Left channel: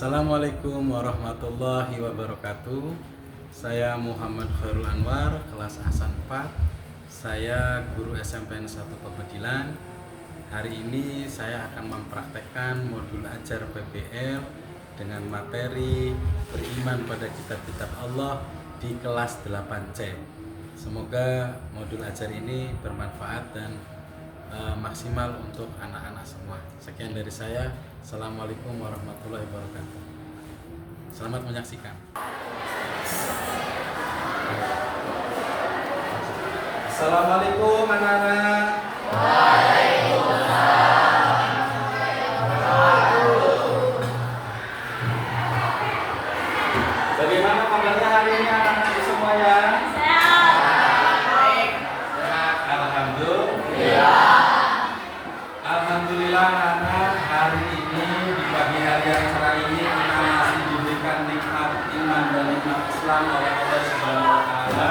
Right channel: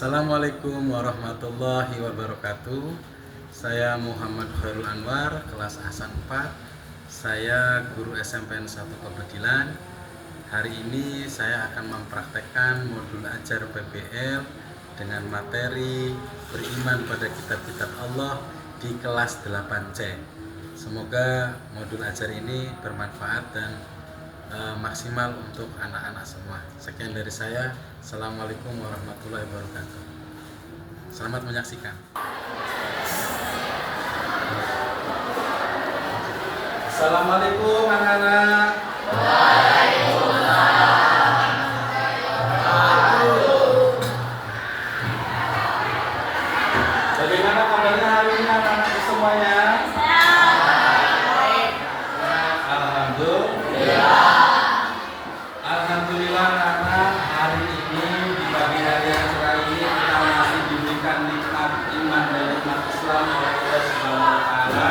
Assalamualaikum warahmatullahi wabarakatuh. Saya Muhammad Khairul Anwar, kelas Ahsan 4. Saya guru SMPN 1 Pebedilan. Hari ini saya akan mempraktekkan modul ajar PBL dengan materi beriman pada kitab-kitab Allah di kelas 8C. Semoga modul ajar ini bermanfaat dan maksimal untuk anak-anak semua. Sekian dari saya. Assalamualaikum warahmatullahi wabarakatuh. Selamat menyaksikan. Assalamualaikum anak-anak. Bagaimana kabarnya hari ini anak-anak semuanya? Alhamdulillah anak, hari ini di pagi hari yang cerah ini kita masih diberikan nikmat iman dan nikmat Islam oleh Allah Subhanahu wa taala,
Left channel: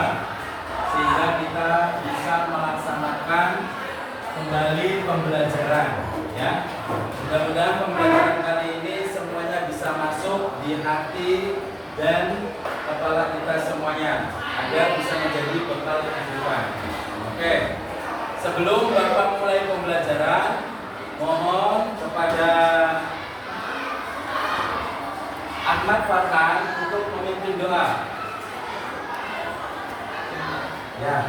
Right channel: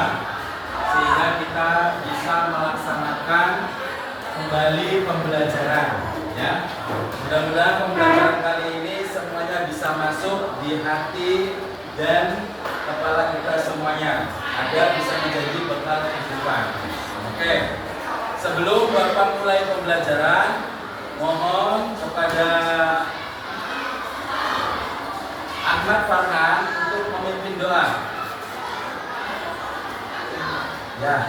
sehingga kita bisa melaksanakan kembali pembelajaran, ya. Mudah-mudahan pembelajaran kali ini semuanya bisa masuk di hati dan kepala kita semuanya agar bisa menjadi bekal kehidupan. Oke. Sebelum Bapak mulai pembelajaran, mohon kepada Ahmad Farhan untuk memimpin doa. Ya.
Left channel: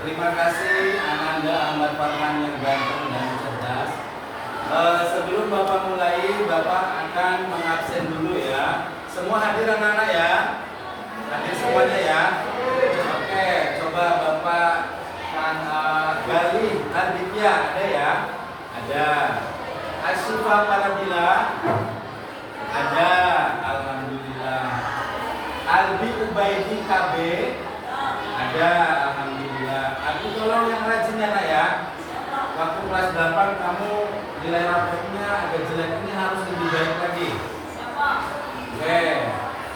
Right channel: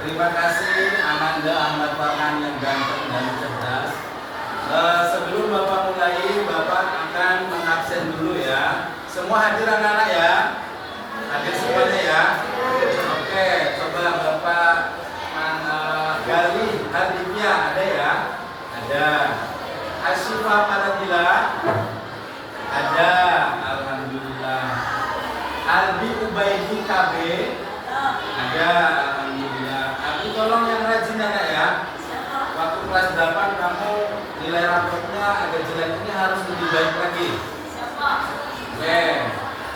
Terima kasih Ananda Ahmad Farhan yang ganteng dan cerdas. Sebelum Bapak mulai, Bapak akan mengabsen dulu ya. Semua hadir anak-anak ya. Hadir semuanya ya. Oke, coba Bapak Gali Arditya ada ya? Ada. Asyifa Paradila ada. Alhamdulillah. Albi Ubaidi KB ada. Alhamdulillah. Aku tolong yang rajin anak ya. Waktu kelas 8 kamu nilai rapotnya agak jelek, ini harus lebih baik lagi. Oke.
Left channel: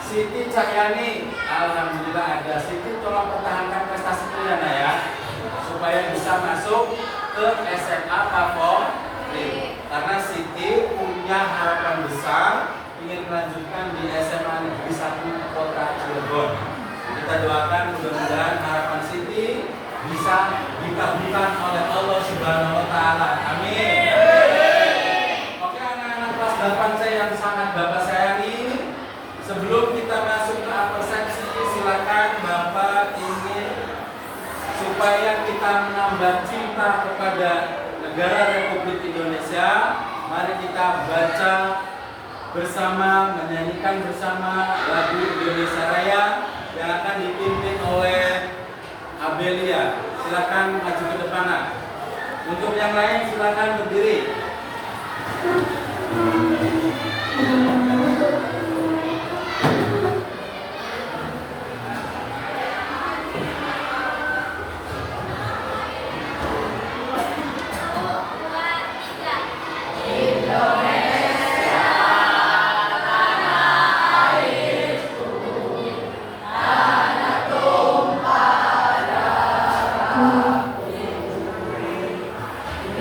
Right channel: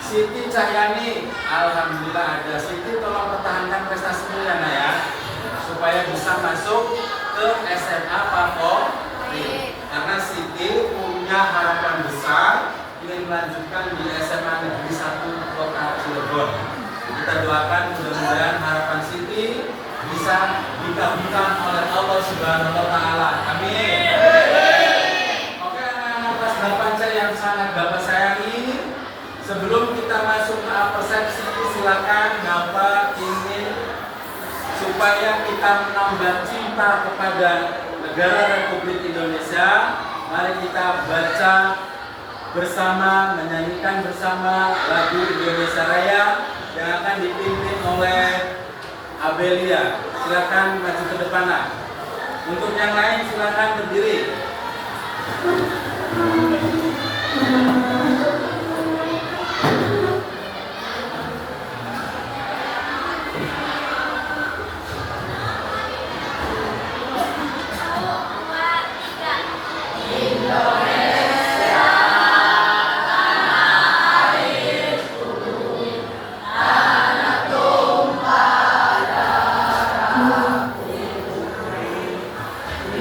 Siti Cahyani, alhamdulillah ada. Siti tolong pertahankan prestasi kalian ya, supaya bisa masuk ke SMA favorit. Karena Siti punya harapan besar ingin melanjutkan di SMA Negeri 1 Kota Cilegon. Kita doakan mudah-mudahan harapan Siti bisa dikabulkan oleh Allah Subhanahu wa taala. Amin. Oke, anak-anak kelas 8C yang sangat Bapak sayangi, sebelum kita masuk ke persepsi, silakan Bapak ingin supaya kita menambah cinta kepada negara Republik Indonesia. Mari kita baca bersama, menyanyikan bersama lagu Indonesia Raya yang akan dipimpin oleh Abelia. Silakan maju ke depan. Untuk yang lain silakan berdiri.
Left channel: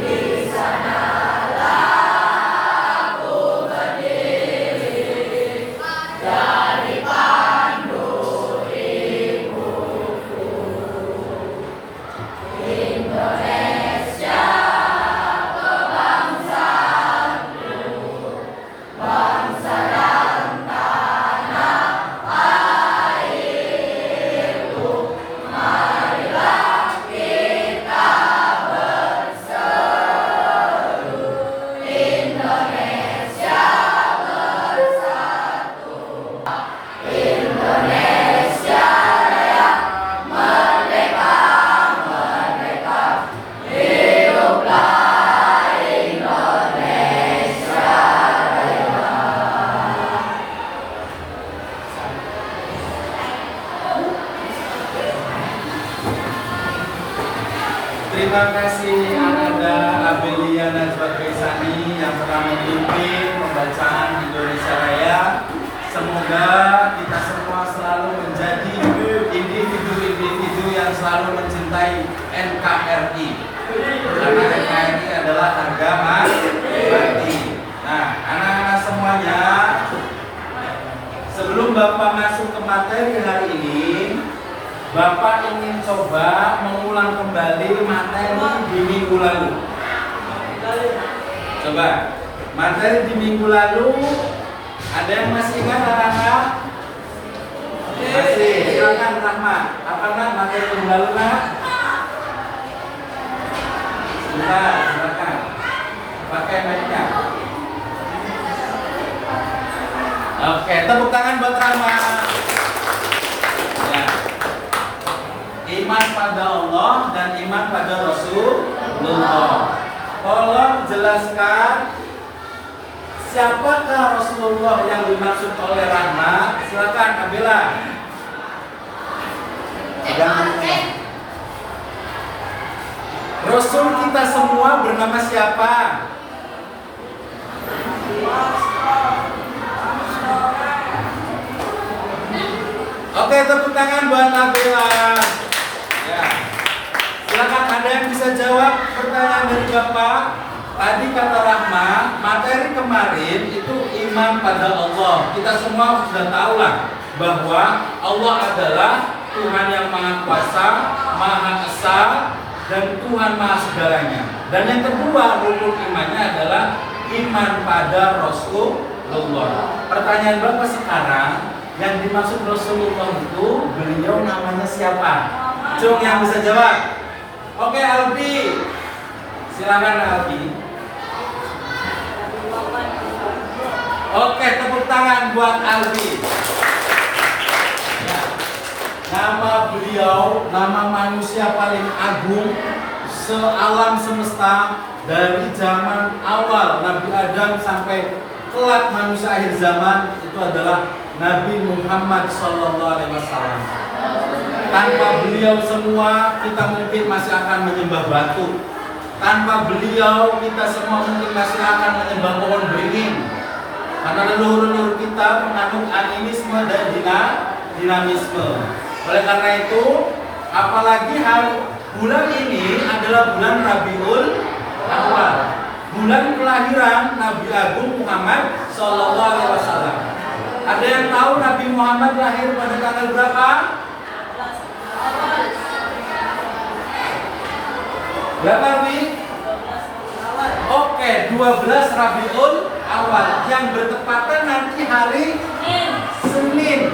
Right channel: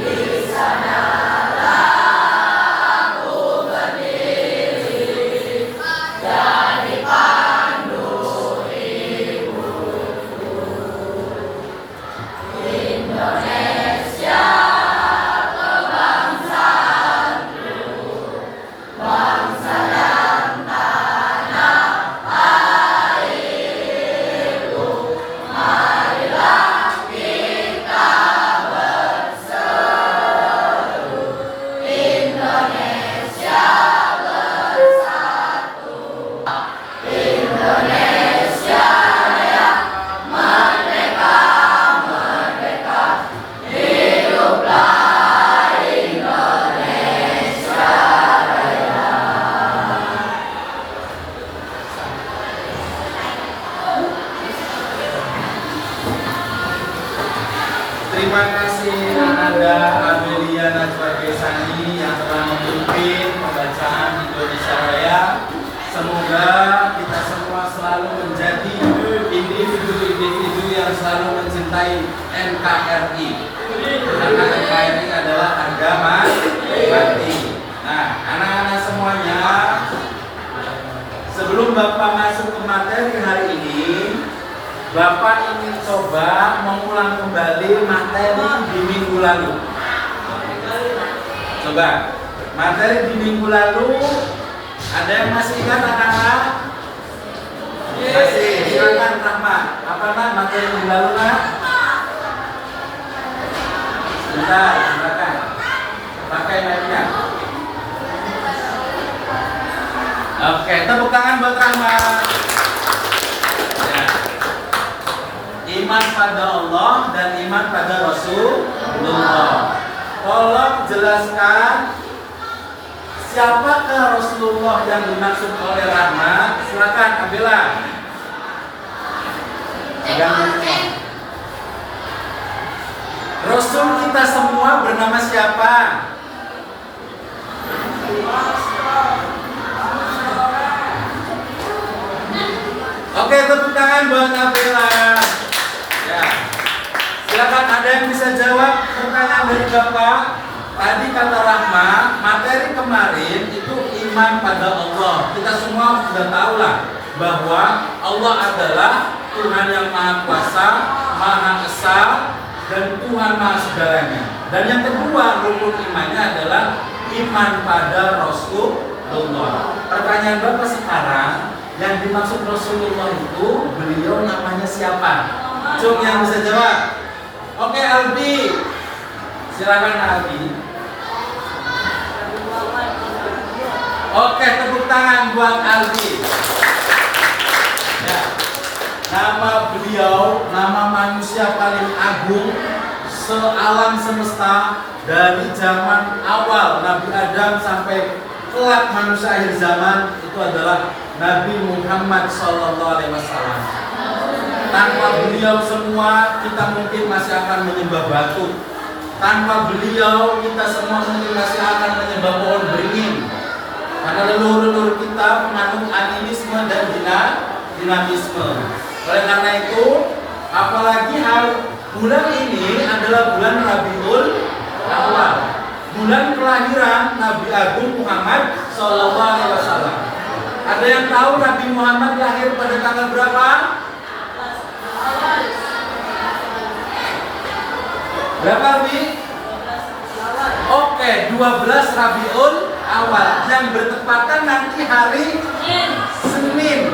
Di sana aku berdiri. Terima kasih Ananda Amelia Najwa Kaisani yang telah memimpin pembacaan Indonesia Raya. Semoga kita semua selalu menjadi individu-individu yang selalu mencintai NKRI. Karena NKRI adalah harga mati. Nah, anak-anak semuanya, sebelum Bapak masuk ke materi hari ini, Bapak ingin coba mengulang kembali materi di minggu lalu. Coba, materi di minggu lalu, ada yang masih ingat anak-anak? Masih, silakan Rahma. Apa nak materi minggu lalu nak? Sebentar, silakan. Pakai mic-nya. Oke, tepuk tangan buat Rahma. Ya. Iman pada Allah dan iman pada Rasulullah. Tolong jelaskan siapakah Rasulullah yang dimaksud oleh Rahma? Silakan Abila. Rasul kita semua bernama siapa? Oke, tepuk tangan buat Abila. Ya. Silakan, ada yang bisa jawab pertanyaan dari Bapak? Tadi kata Rahma, materi kemarin itu iman pada Allah. Kita semua sudah tahu lah bahwa Allah adalah Tuhan yang Maha Kuasa, Maha Esa, dan Tuhan Maha Segalanya. Dan yang kedua, rukun imannya adalah iman pada Rasulullah. Pertanyaan Bapak sekarang, yang dimaksud Rasulullah itu beliau namanya siapa? Cung yang bisa jawab. Oke, Albi. Silakan Albi. Oke, tepuk tangan buat Albi. Ya. Nama beliau, nama manusia paling agung sealam semesta dari zaman awal Nabi Adam sampai kelak manusia akhir zaman itu adalah Nabi Muhammad SAW. Tanpa beliau semua kita mungkin masih akan menyembah batu. Tanpa beliau kita semua mungkin masih akan menyembah pohon beringin. Karena leluhur-leluhur kita mengandung animisme dan dinamisme. Oleh karena itu, apalagi bulan ini adalah bulan Rabiul Awal, bulan kelahiran Nabi Agung Muhammad SAW. Ada yang tahu Nabi Muhammad lahir pada tanggal berapa? Berapa nih? Oke, 12 Rabiul Awal yang bertepatan nanti hari Senin.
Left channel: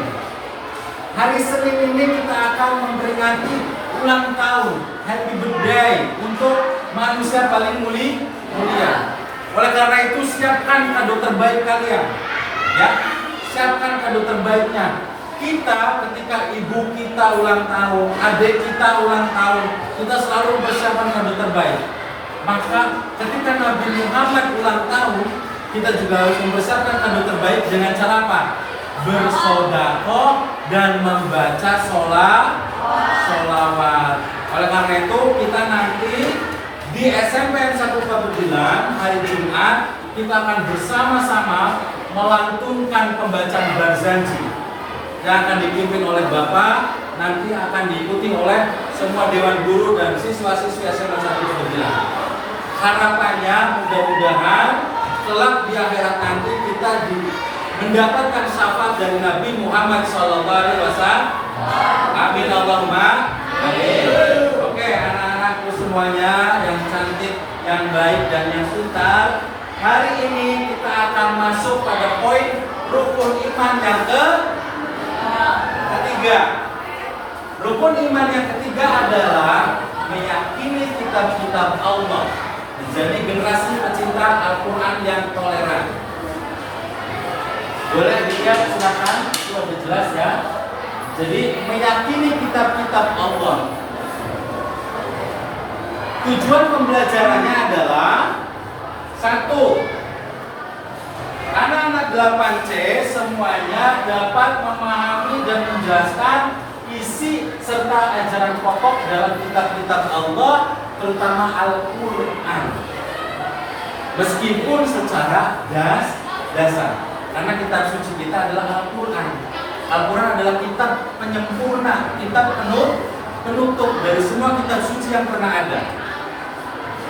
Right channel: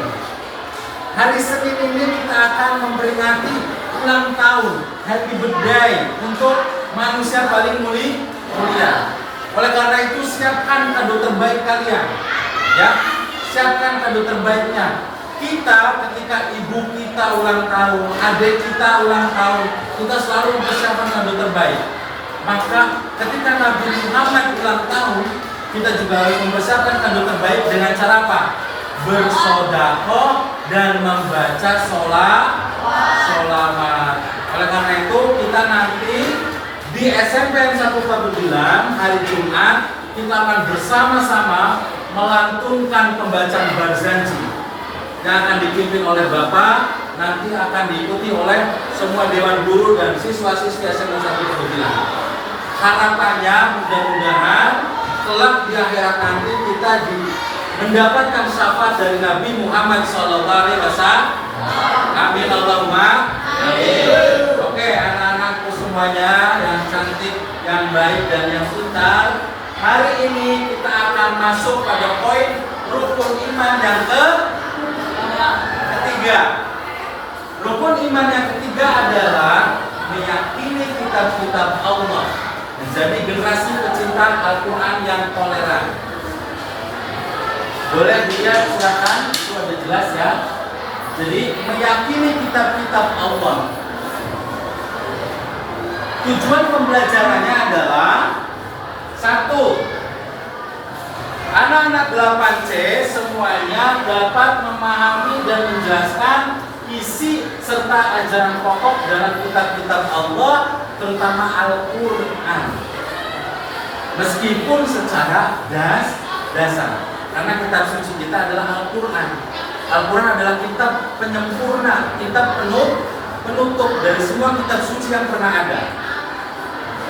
Hari Senin ini kita akan memperingati ulang tahun, happy birthday untuk manusia paling mulia. Oleh karena itu siapkan kado terbaik kalian, ya. Siapkan kado terbaiknya. Kita ketika ibu kita ulang tahun, adik kita ulang tahun, kita selalu bersiapkan kado terbaik. Maka ketika Nabi Muhammad ulang tahun, kita juga harus mempersiapkan kado terbaik dengan cara apa? Bersedekah dan membaca sholawat. Oleh karena itu kita nanti di SMPN 149 hari Jumat kita akan bersama-sama melantunkan pembacaan Barzanji yang akan dipimpin oleh Bapak, nanti akan diikuti oleh semua dewan guru dan siswa-siswi SMPN 149. Harapannya mudah-mudahan kelak di akhirat nanti kita mendapatkan syafaat dari Nabi Muhammad SAW. Amin Allahumma amin. Oke, anak-anakku semuanya yang cantik, yang baik dan yang pintar, hari ini kita akan masuk pada poin rukun iman yang ketiga. Rukun iman yang ketiga adalah meyakini kitab-kitab Allah, menjadi generasi pecinta Al-Quran yang toleran. Boleh dilihat silakan, itu ada jelas ya. Jadi meyakini kitab-kitab Allah. Tujuan pembelajarannya adalah satu, anak-anak 8C semuanya dapat memahami dan menjelaskan isi serta ajaran pokok dalam kitab-kitab Allah terutama Al-Quran. Meskipun secara dasar, karena kitab suci kita adalah Al-Quran. Al-Quran adalah kitab penyempurna, kitab penutup dari semua kitab suci yang pernah ada.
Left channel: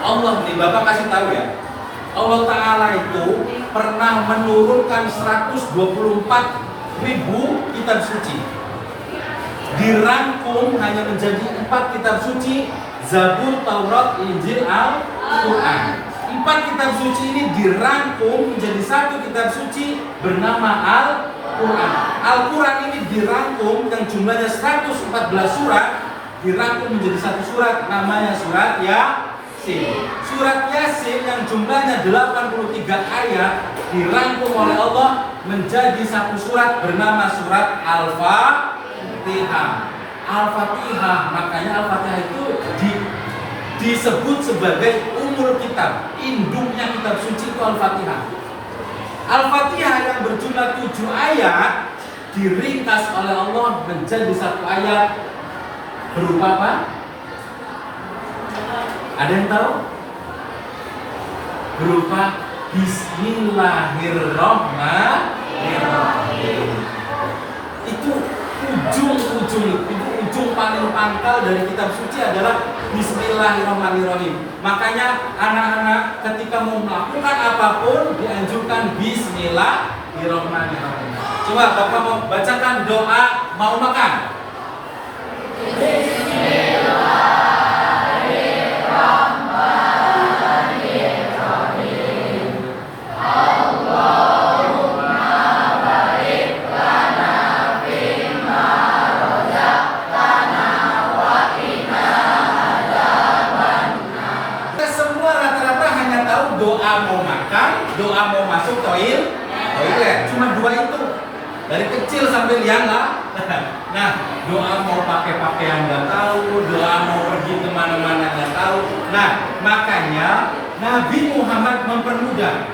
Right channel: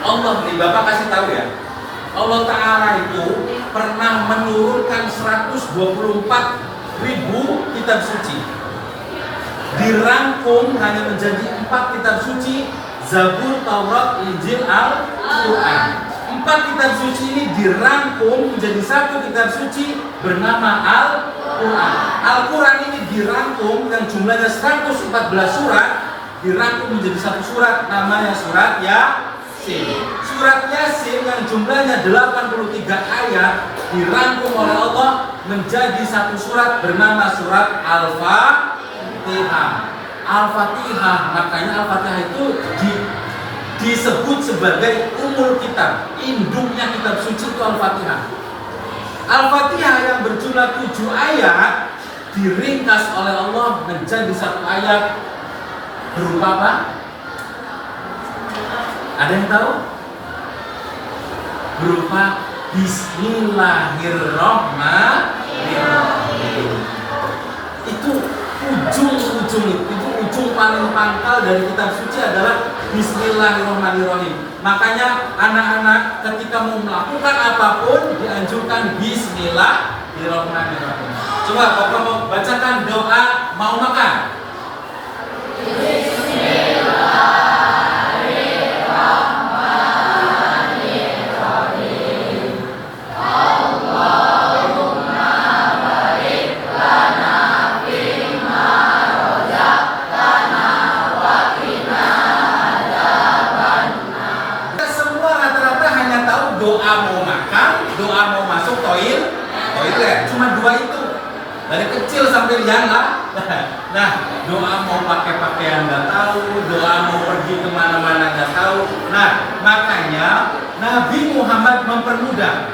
Allah nih, Bapak kasih tahu ya, Allah Ta'ala itu pernah menurunkan 124.000 kitab suci, dirangkum hanya menjadi 4 kitab suci, Zabur, Taurat, Injil, Al-Quran. 4 kitab suci ini dirangkum menjadi 1 kitab suci bernama Al-Quran. Al-Quran ini dirangkum yang jumlahnya 114 surat, dirangkum menjadi 1 surat, namanya surat Yasin. Surat Yasin yang jumlahnya 83 ayat dirangkum oleh Allah menjadi 1 surat bernama surat Al-Fatihah. Al-Fatihah, makanya Al-Fatihah itu disebut sebagai umul kitab, induknya kitab suci itu Al-Fatihah. Al-Fatihah yang berjumlah 7 ayat diringkas oleh Allah menjadi 1 ayat berupa apa? Ada yang tahu? Berupa Bismillahirrahmanirrahim. Itu ujung paling pangkal dari kitab suci adalah Bismillahirrahmanirrahim. Makanya anak-anak ketika mau melakukan apapun dianjurkan Bismillahirrahmanirrahim. Coba Bapak mau bacakan doa mau makan. Doa mau makan, doa mau masuk toilet, cuma 2 itu dari kecil sampai liang lah. Nah, doa mau pakai pakaian nggak tahu, doa mau pergi kemana-mana nggak tahu. Nah, makanya Nabi Muhammad mempermudah.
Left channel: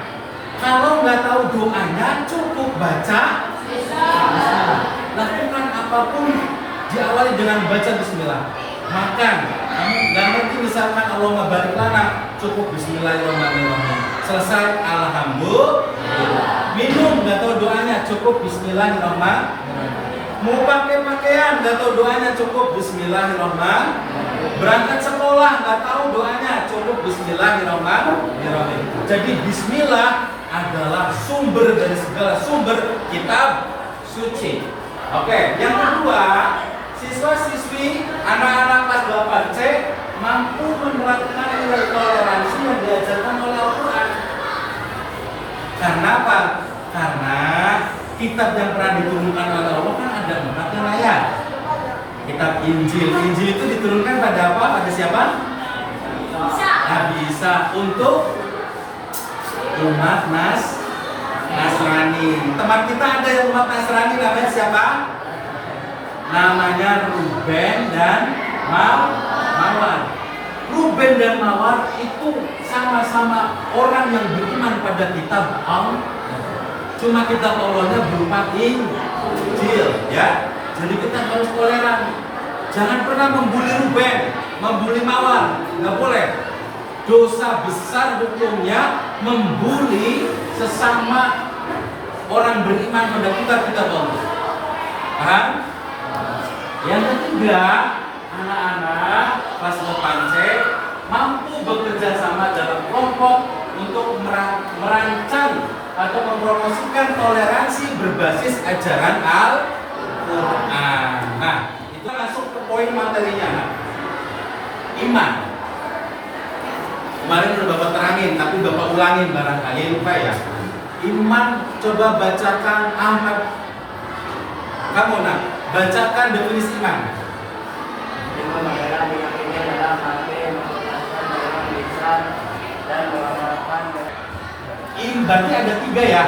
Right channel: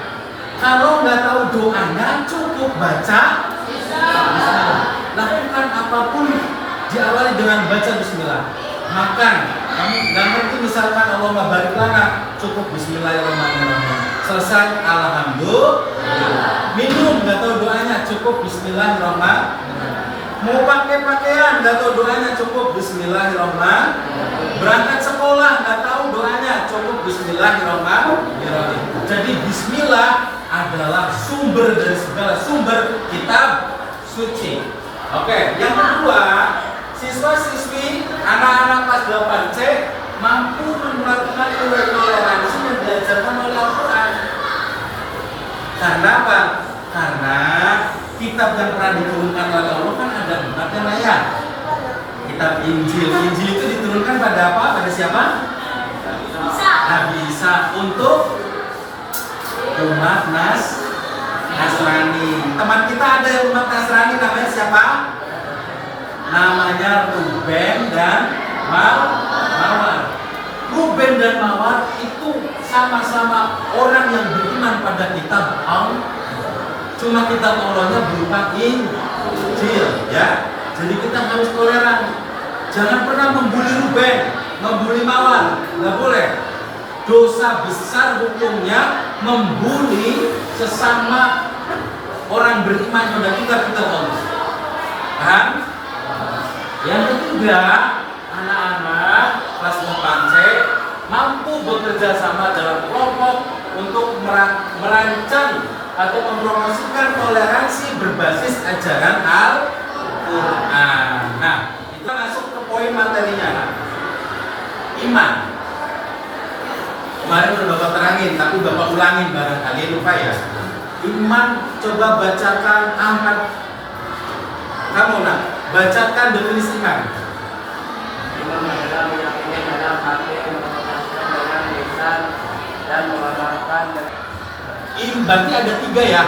Kalau nggak tahu doanya cukup baca Bismillah. Lakukan apapun diawali dengan baca Bismillah. Makan, kamu nggak ngerti misalkan Allah nggak balik lana, cukup Bismillahirrahmanirrahim. Selesai Alhamdulillah. Minum nggak tahu doanya, cukup Bismillahirrahmanirrahim. Mau pakai pakaian nggak tahu doanya, cukup Bismillahirrahmanirrahim. Berangkat sekolah nggak tahu doanya, cukup Bismillahirrahmanirrahim. Jadi Bismillah adalah sumber dari segala sumber kitab suci. Oke, yang kedua, siswa-siswi anak-anak kelas 8C mampu menerapkan nilai toleransi yang diajarkan oleh Al-Quran. Karena apa? Karena kitab yang pernah diturunkan oleh Allah kan ada 4 yang layak. Kitab Injil. Injil itu diturunkan pada apa? Pada siapa? Nabi Isa untuk umat Nasrani. Teman kita ada yang umat Nasrani namanya siapa? Namanya Ruben dan Mawar. Ruben dan Mawar itu sama-sama orang yang beriman pada kitab Allah. Cuma kitab Allahnya berupa Injil, ya. Jadi kita harus toleran. Jangan pernah membuli Ruben, membuli Mawar, nggak boleh. Dosa besar hukumnya membuli sesama orang beriman pada kitab Allah. Paham? Yang ketiga, anak-anak kelas 8C mampu bekerja sama dalam kelompok untuk merancang atau mempromosikan toleransi berbasis ajaran Al-Quran. Nah, itu masuk ke poin materinya. Iman. Kemarin sudah Bapak terangin, tapi Bapak ulangin barangkali lupa ya. Iman, coba bacakan Ahmad. Kamu nak bacakan definisi iman. Iman adalah meyakini dalam hati, mengucapkan dengan lisan, dan mengamalkan. Berarti ada 3 ya.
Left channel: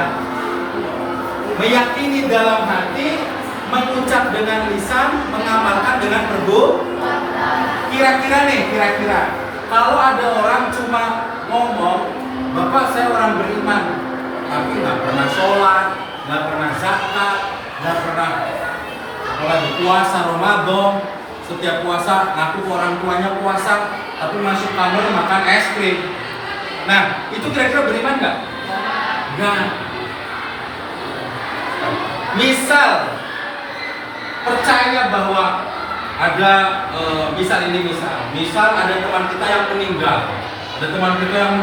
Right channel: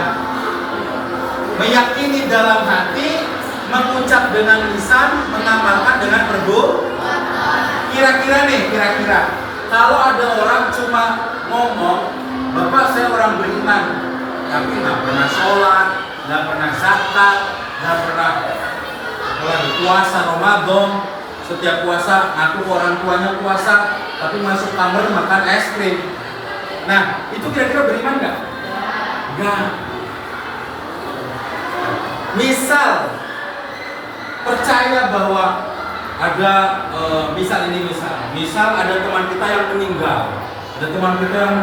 Meyakini dalam hati, mengucap dengan lisan, mengamalkan dengan perbuatan. Kira-kira kalau ada orang cuma ngomong, Bapak saya orang beriman, tapi nggak pernah sholat, nggak pernah zakat, nggak pernah puasa Ramadan, setiap puasa ngaku ke orang tuanya puasa, tapi masuk kamar makan es krim. Nah, itu kira-kira beriman nggak? Nggak. Misal percaya bahwa ada misal ada teman kita yang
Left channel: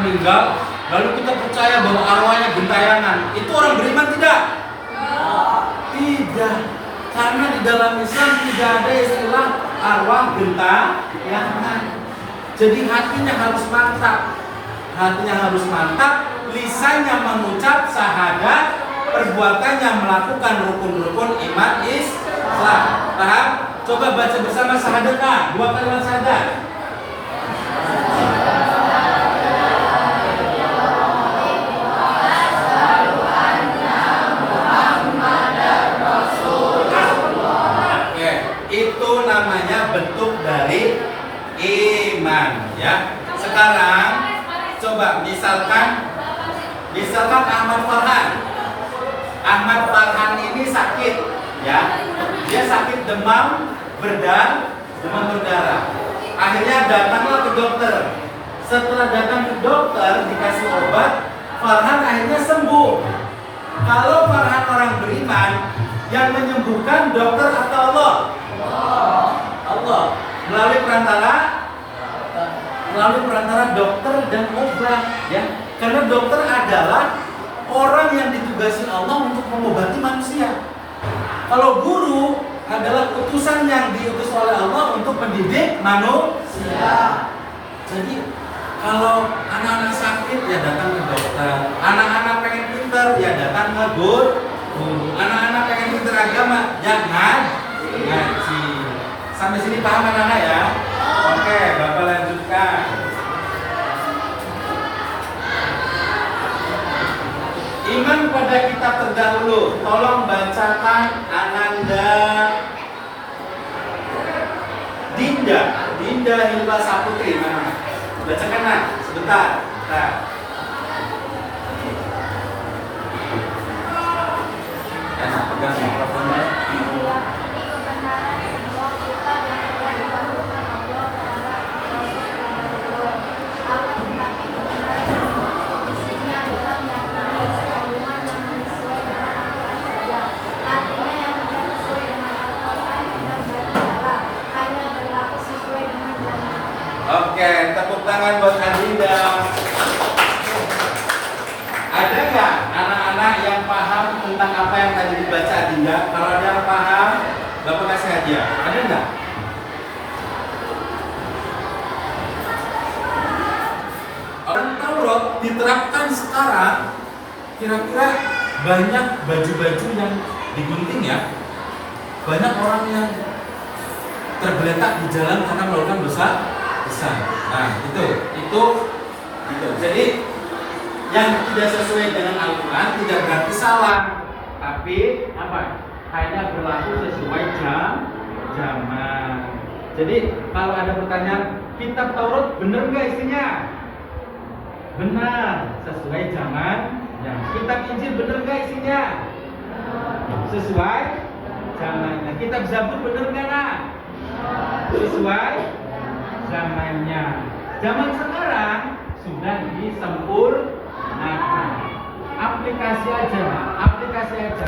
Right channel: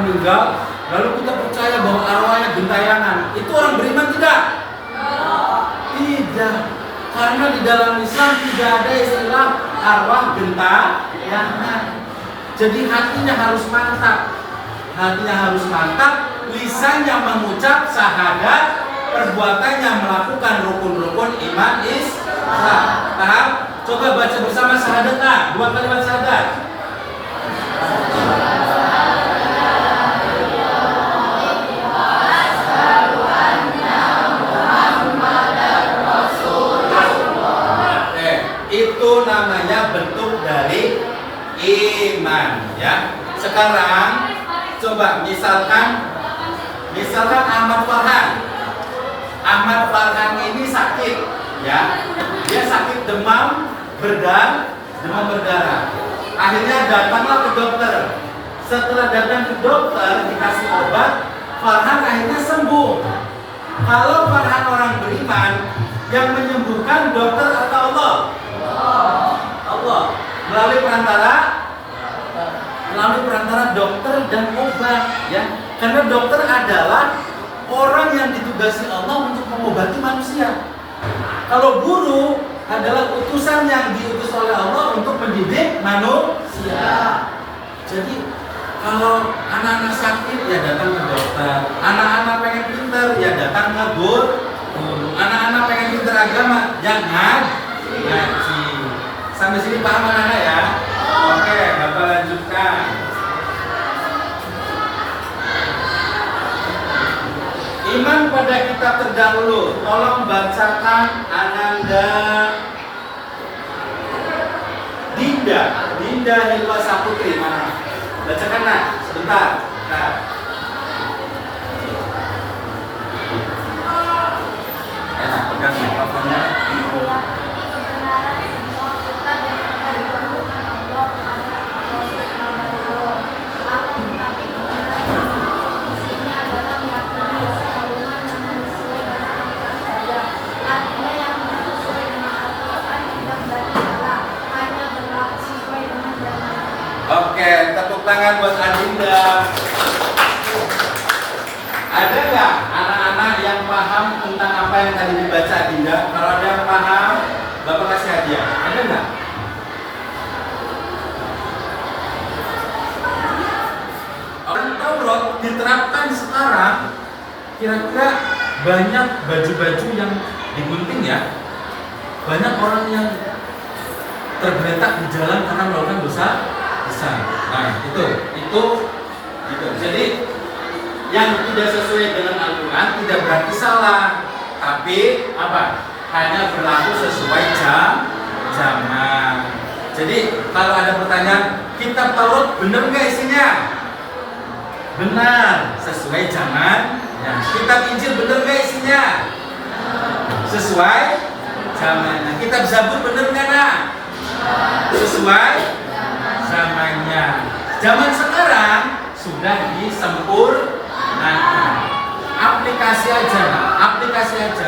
meninggal, lalu kita percaya bahwa arwahnya gentayangan. Itu orang beriman tidak? Tidak. Karena di dalam Islam tidak ada istilah arwah gentayangan. Jadi hatinya harus mantap, lisannya mengucap syahadat, perbuatannya melakukan rukun-rukun iman Islam. Paham? Coba baca bersama syahadat. 2 kalimat syahadat. Itu namanya bentuk dari iman, ya. Sekarang coba misalkan Ahmad Farhan ini sakit, ya. Dia sakit demam berdarah. Akhirnya datanglah ke dokter. Setelah datang ke dokter dikasih obat, Farhan akhirnya sembuh. Kalau Farhan orang beriman, yang menyembuhkan dokter atau Allah? Allah. Melalui perantara dokter dan obat, ya. Karena dokter adalah orang yang ditugasi Allah untuk mengobati manusia. Kalau guru adalah utusan yang diutus oleh Allah untuk mendidik manusia. Jadi kalau anak-anak sakit ya datang ke dokter, anak-anak pengen pintar ya datang ke guru, anak-anak pengen pintar agama jangan ngaji. Sampai sini paham anak-anak ya? Oke, Bapak lanjutkan. Iman pada kita terdahulu. Tolong bacakan Ananda Dinda Hilwa Saputri. Mana? Bacakan nak, sebentar. Nah. Pegang mikrofonnya. Oke, tepuk tangan buat Adinda. Ada nggak anak-anak yang paham tentang apa yang tadi dibaca Adinda? Kalau ada yang paham, Bapak kasih hadiah. Ada nggak? Orang Taurat diterapkan sekarang, kira-kira banyak baju-baju yang digunting ya. Banyak orang yang tergeletak di jalan karena melakukan dosa besar. Nah, itu. Jadi yang tidak sesuai dengan Al-Quran tidak berarti salah, tapi apa? Hanya berlaku sesuai zaman. Jadi kalau ada pertanyaan, kitab Taurat benar nggak isinya? Benar, sesuai zaman. Ya. Kitab Injil benar nggak isinya? Sesuai zamannya. Kitab Zabur benar nggak nak? Sesuai zamannya. Zaman sekarang sudah disempurnakan. Aplikasi aja.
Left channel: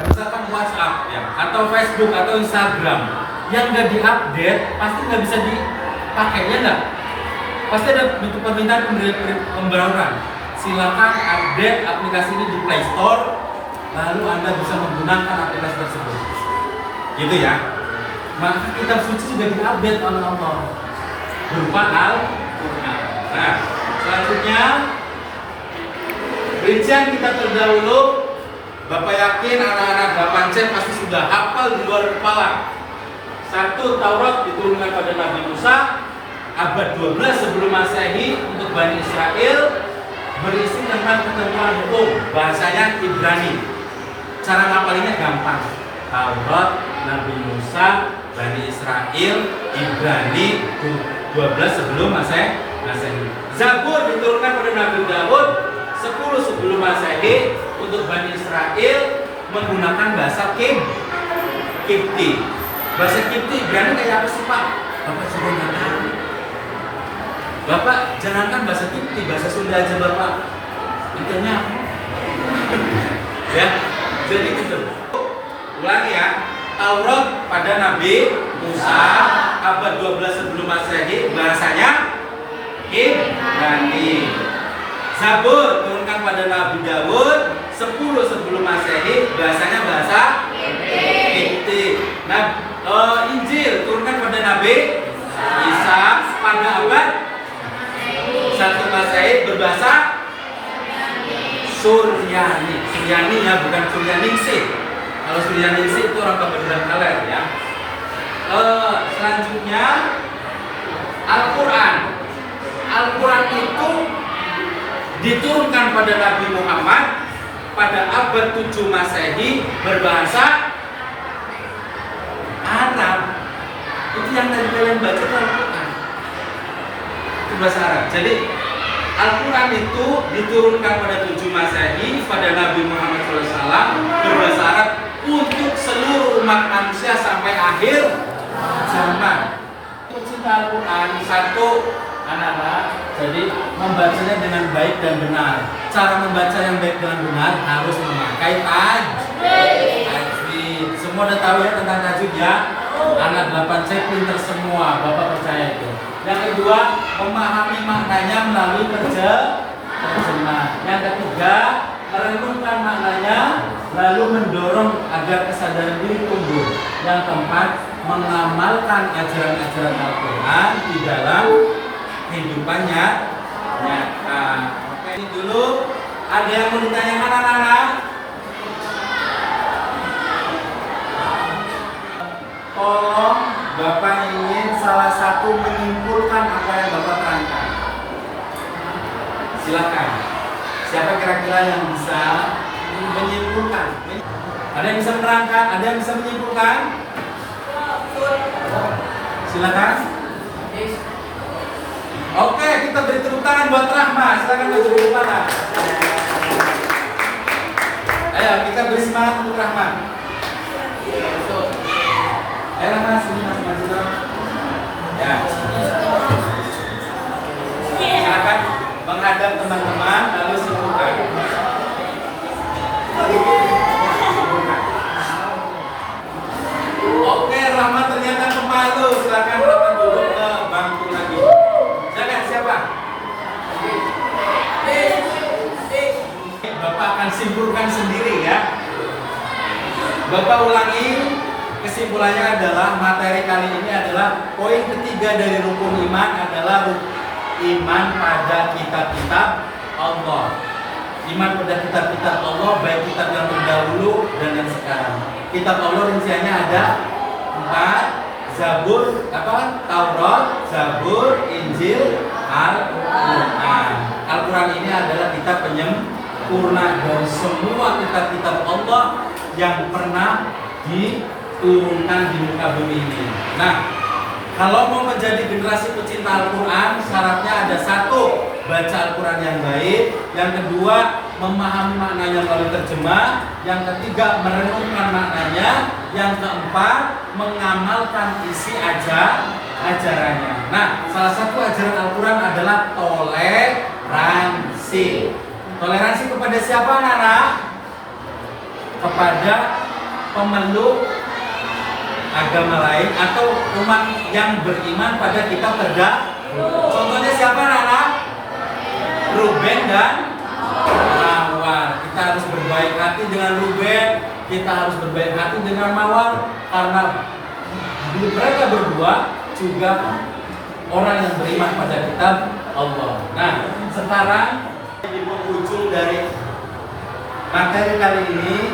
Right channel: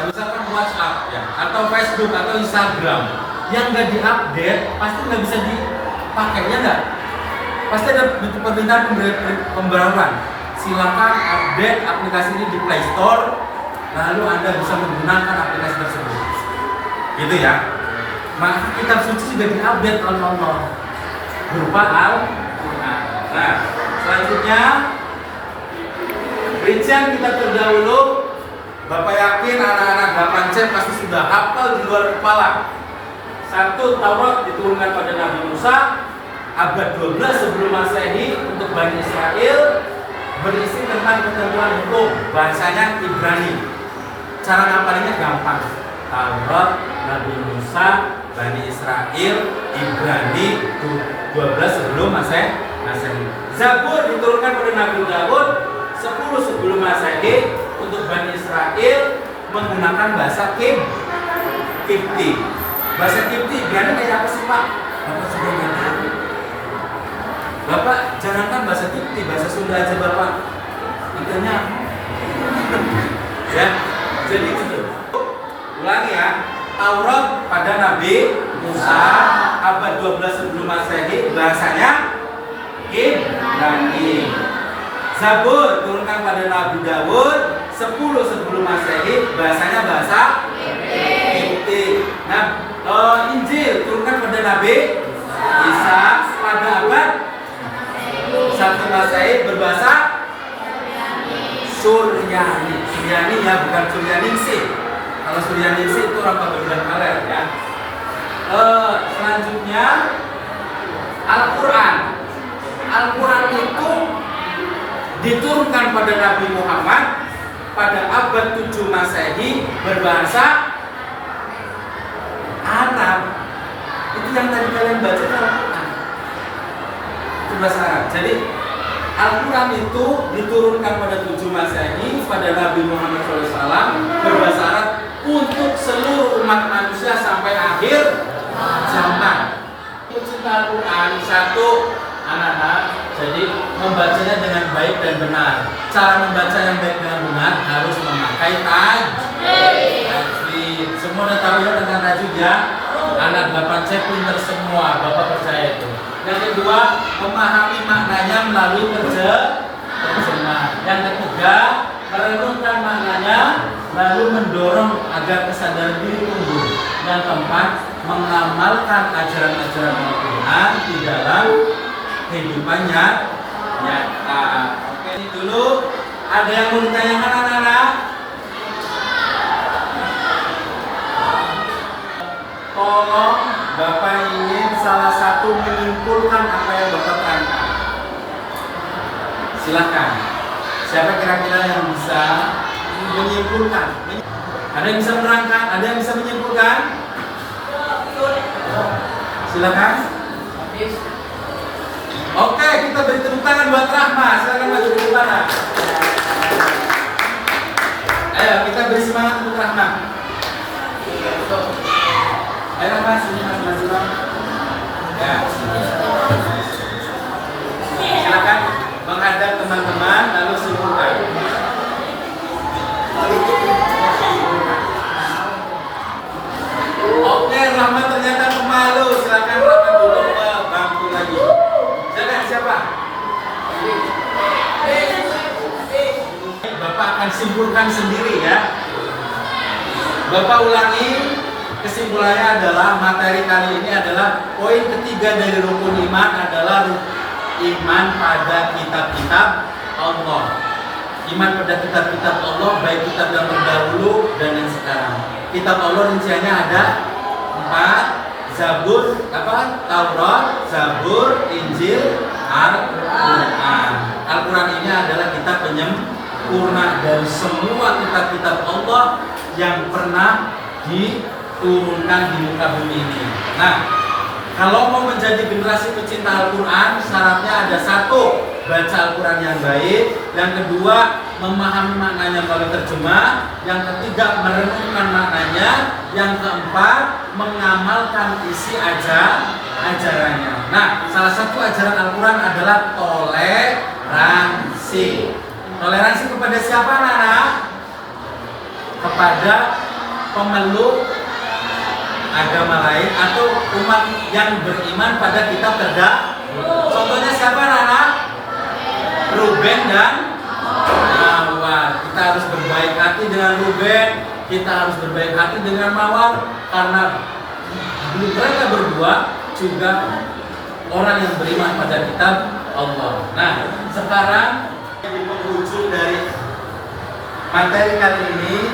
Misalkan WhatsApp ya, atau Facebook atau Instagram yang nggak diupdate pasti nggak bisa dipakai, ya nggak? Pasti ada permintaan pembaruan. Silakan update aplikasi ini di Play Store, lalu Anda bisa menggunakan aplikasi tersebut. Gitu ya. Maka kitab suci juga diupdate oleh Allah berupa Al-Quran. Nah, selanjutnya rincian kita terdahulu. Bapak yakin anak-anak 8C pasti sudah hafal di luar kepala. 1. Taurat diturunkan pada Nabi Musa abad 12 sebelum Masehi untuk Bani Israel, berisi tentang ketentuan hukum, bahasanya Ibrani. Cara ngapalinnya gampang. Taurat, Nabi Musa, Bani Israel, Ibrani 12 sebelum Masehi. Zabur diturunkan pada Nabi Daud 10 sebelum Masehi untuk Bani Israel menggunakan bahasa Kipti. Bahasa Kipti Ibrani kayak apa sih Pak? Bapak sudah nggak tahu. Bapak jangankan bahasa Tikti, bahasa Sunda aja Bapak intinya ya. Jadi gitu. Ulangi ya. Taurat pada Nabi Musa abad 12 sebelum Masehi, bahasanya Ibrani. Zabur turunkan pada Nabi Daud 10 sebelum Masehi, bahasanya bahasa Kipti. Nah, Injil turunkan pada Nabi Isa pada abad 1 Masehi, berbahasa Suryani. Suryani ya, bukan Suryaningsih. Kalau Suryaningsih itu orang Pabedulan Kaler ya. Selanjutnya Al-Quran. Al-Quran itu diturunkan pada Nabi Muhammad pada abad 7 Masehi, berbahasa Arab. Itu yang tadi kalian baca itu Al-Quran, itu bahasa Arab. Jadi Al-Quran itu diturunkan pada 7 Masehi pada Nabi Muhammad SAW, berbahasa Arab untuk seluruh umat manusia sampai akhir zaman. Pecinta Al-Quran satu, anak-anak, jadi membacanya dengan baik dan benar. Cara membaca yang baik dan benar harus memakai tajwid. Semua udah tahu ya tentang tajwid ya? Anak 8C pinter semua, Bapak percaya itu. Yang kedua, memahami maknanya melalui terjemah. Yang ketiga, merenungkan maknanya lalu mendorong agar kesadaran diri tumbuh. Yang keempat, mengamalkan ajaran-ajaran Al-Quran di dalam kehidupannya nyata. Oke, ini dulu. Ada yang mau ditanyakan anak-anak? Tolong Bapak ingin salah satu menyimpulkan apa yang Bapak terangkan. Silakan. Siapa kira-kira yang bisa menyimpulkan? Ada yang bisa menerangkan? Ada yang bisa menyimpulkan? Silakan. Oke, kita beri tepuk tangan buat Rahma. Silakan maju ke depan. Ayo, kita beri semangat untuk Rahma. Ayo Rahma, sini maju. Ya. Silakan menghadap teman-teman lalu simpulkan. Oke, Rahma ternyata pemalu. Silakan Rahma duduk ke bangku lagi. Silakan siapa? Bapak akan simpulkan sendiri ya. Bapak ulangi. Kesimpulannya adalah materi kali ini adalah poin ketiga dari rukun iman adalah iman pada kitab-kitab Allah. Iman pada kitab-kitab Allah, baik kitab yang terdahulu dan yang sekarang. Kitab Allah rinciannya ada 4, Zabur, Taurat, Zabur, Injil, Al-Quran. Al-Quran ini adalah kitab penyempurna dari semua kitab-kitab Allah yang pernah diturunkan di muka bumi ini. Nah, kalau mau menjadi generasi pecinta Al-Quran, syaratnya ada satu, baca Al-Quran yang baik. Yang kedua, memahami maknanya melalui terjemah. Yang ketiga, merenungkan maknanya. Yang keempat, mengamalkan isi ajarannya. Nah, salah satu ajaran Al-Quran adalah toleransi. Toleransi kepada siapa, Nana? Kepada pemeluk agama lain atau umat yang beriman pada kitab terdahulu. Contohnya siapa, Nana? Ruben dan Mawar. Kita harus berbaik hati dengan Ruben, kita harus berbaik hati dengan Mawar, karena mereka berdua juga orang yang beriman pada kitab Allah. Nah, sekarang di penghujung dari materi kali ini,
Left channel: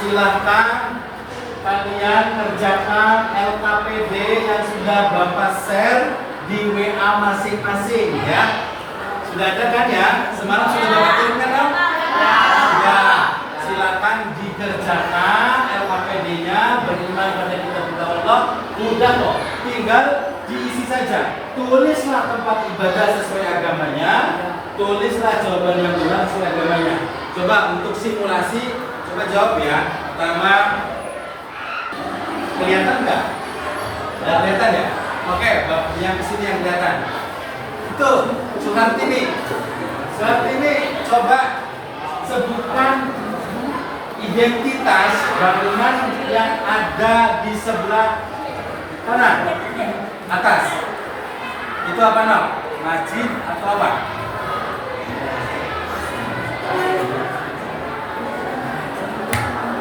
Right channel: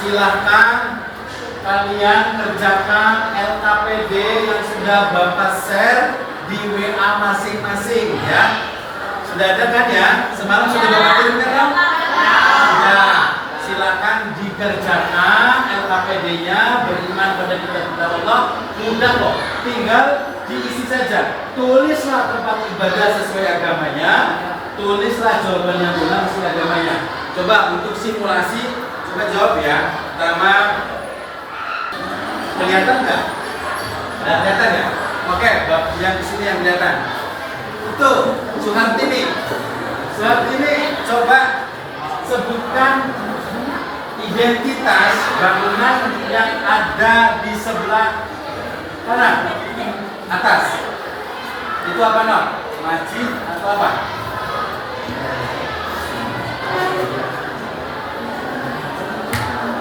silahkan kalian kerjakan LKPD yang sudah Bapak share di WA masing-masing ya. Sudah ada kan ya? Semalam sudah Bapak kirimkan dong? Ya, silakan dikerjakan LKPD-nya, beriman pada kitab Allah. Mudah kok, tinggal diisi saja. Tulislah tempat ibadah sesuai agamanya, tulislah jawaban yang benar sesuai agamanya. Coba untuk simulasi, coba jawab ya. Pertama, kelihatan nggak? Nggak kelihatan ya? Oke, yang di sini yang kelihatan. Itu Suhartini. Suhartini, coba sebutkan identitas bangunan yang ada di sebelah kanan atas. Itu apa, Nok? Masjid atau apa?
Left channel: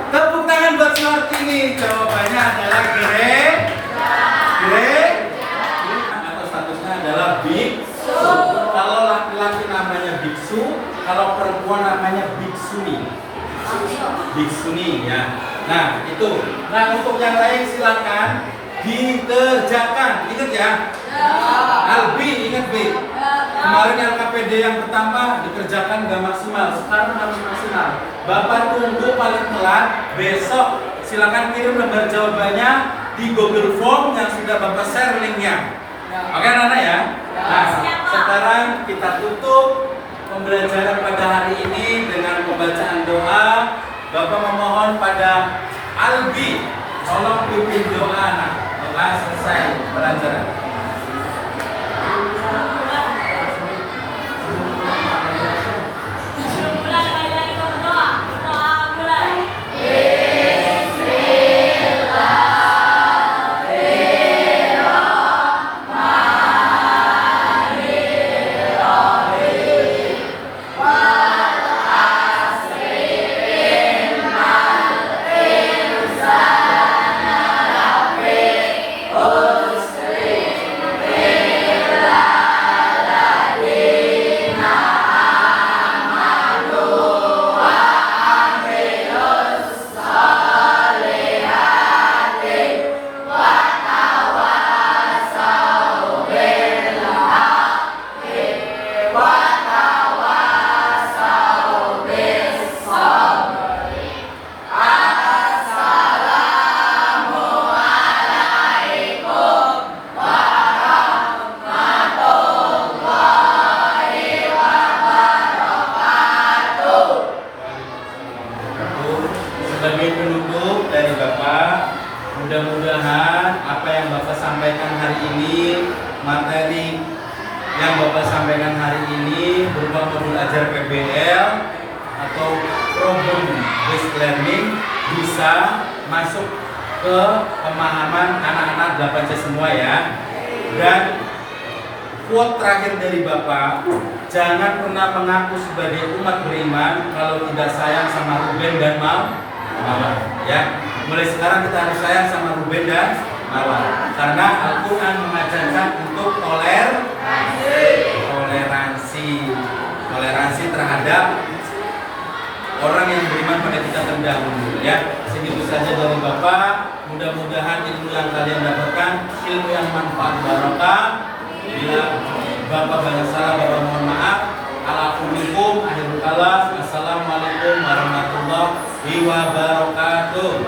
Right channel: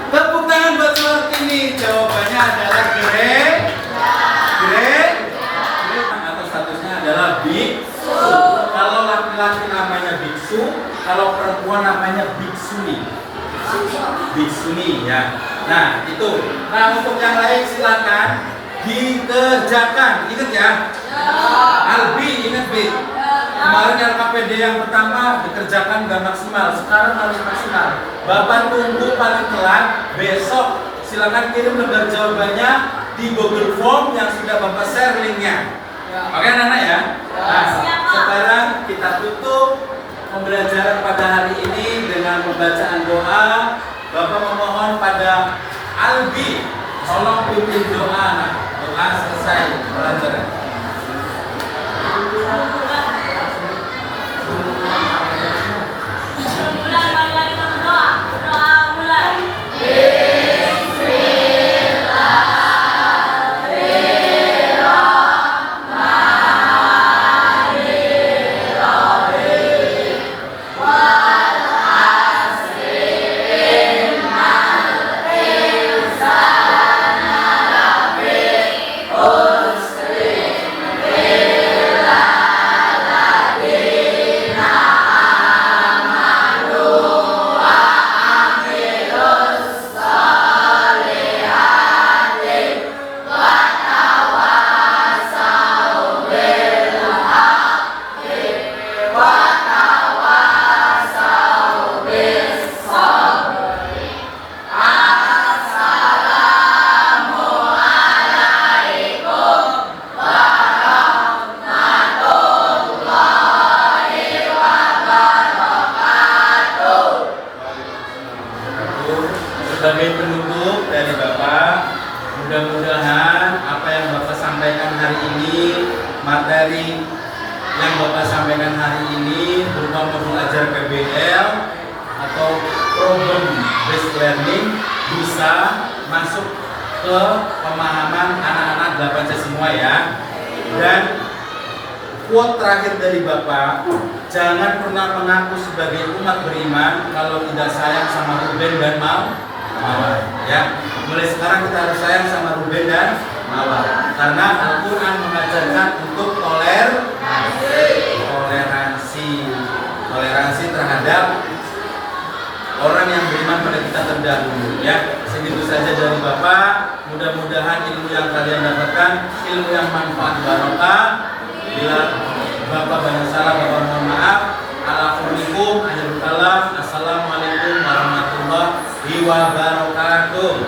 Tepuk tangan buat Suhartini. Jawabannya adalah atau statusnya adalah biksu. Kalau laki-laki namanya biksu, kalau perempuan namanya biksuni. Biksuni ya. Nah itu. Nah untuk yang lain silakan dikerjakan. Ingat ya. Albi ingat Bi. Kemarin LKPD yang pertama dikerjakan nggak maksimal, sekarang harus maksimal. Bapak tunggu paling telat besok. Silakan kirim lembar jawabannya di Google Form yang sudah Bapak share linknya. Oke anak-anak ya. Nah, sekarang kita tutup pembelajaran pada hari ini dengan pembacaan doa. Bapak memohon pada Albi, tolong pimpin doa anak. Doa selesai pelajaran. Sebagai penutup dari Bapak, mudah-mudahan apa yang Bapak sampaikan hari ini, materi yang Bapak sampaikan hari ini berupa modul ajar PBL atau problem based learning bisa masuk ke pemahaman anak-anak 8C semua ya. Dan quote terakhir dari Bapak, jangan pernah mengaku sebagai umat beriman kalau tidak sayang sama Ruben dan Mawar. Ya, mulai sekarang kita harus sayang sama Ruben dan Mawar, karena Al-Quran mengajarkan untuk toleransi terhadap orang yang beriman pada kita terdahulu. Ya, segitu saja dari Bapak. Mudah-mudahan ilmu yang kalian dapatkan ilmu yang manfaat barokah. Bila Bapak banyak salah, Bapak mohon maaf. Alaikum akhirul kalam. Assalamualaikum warahmatullahi wabarakatuh.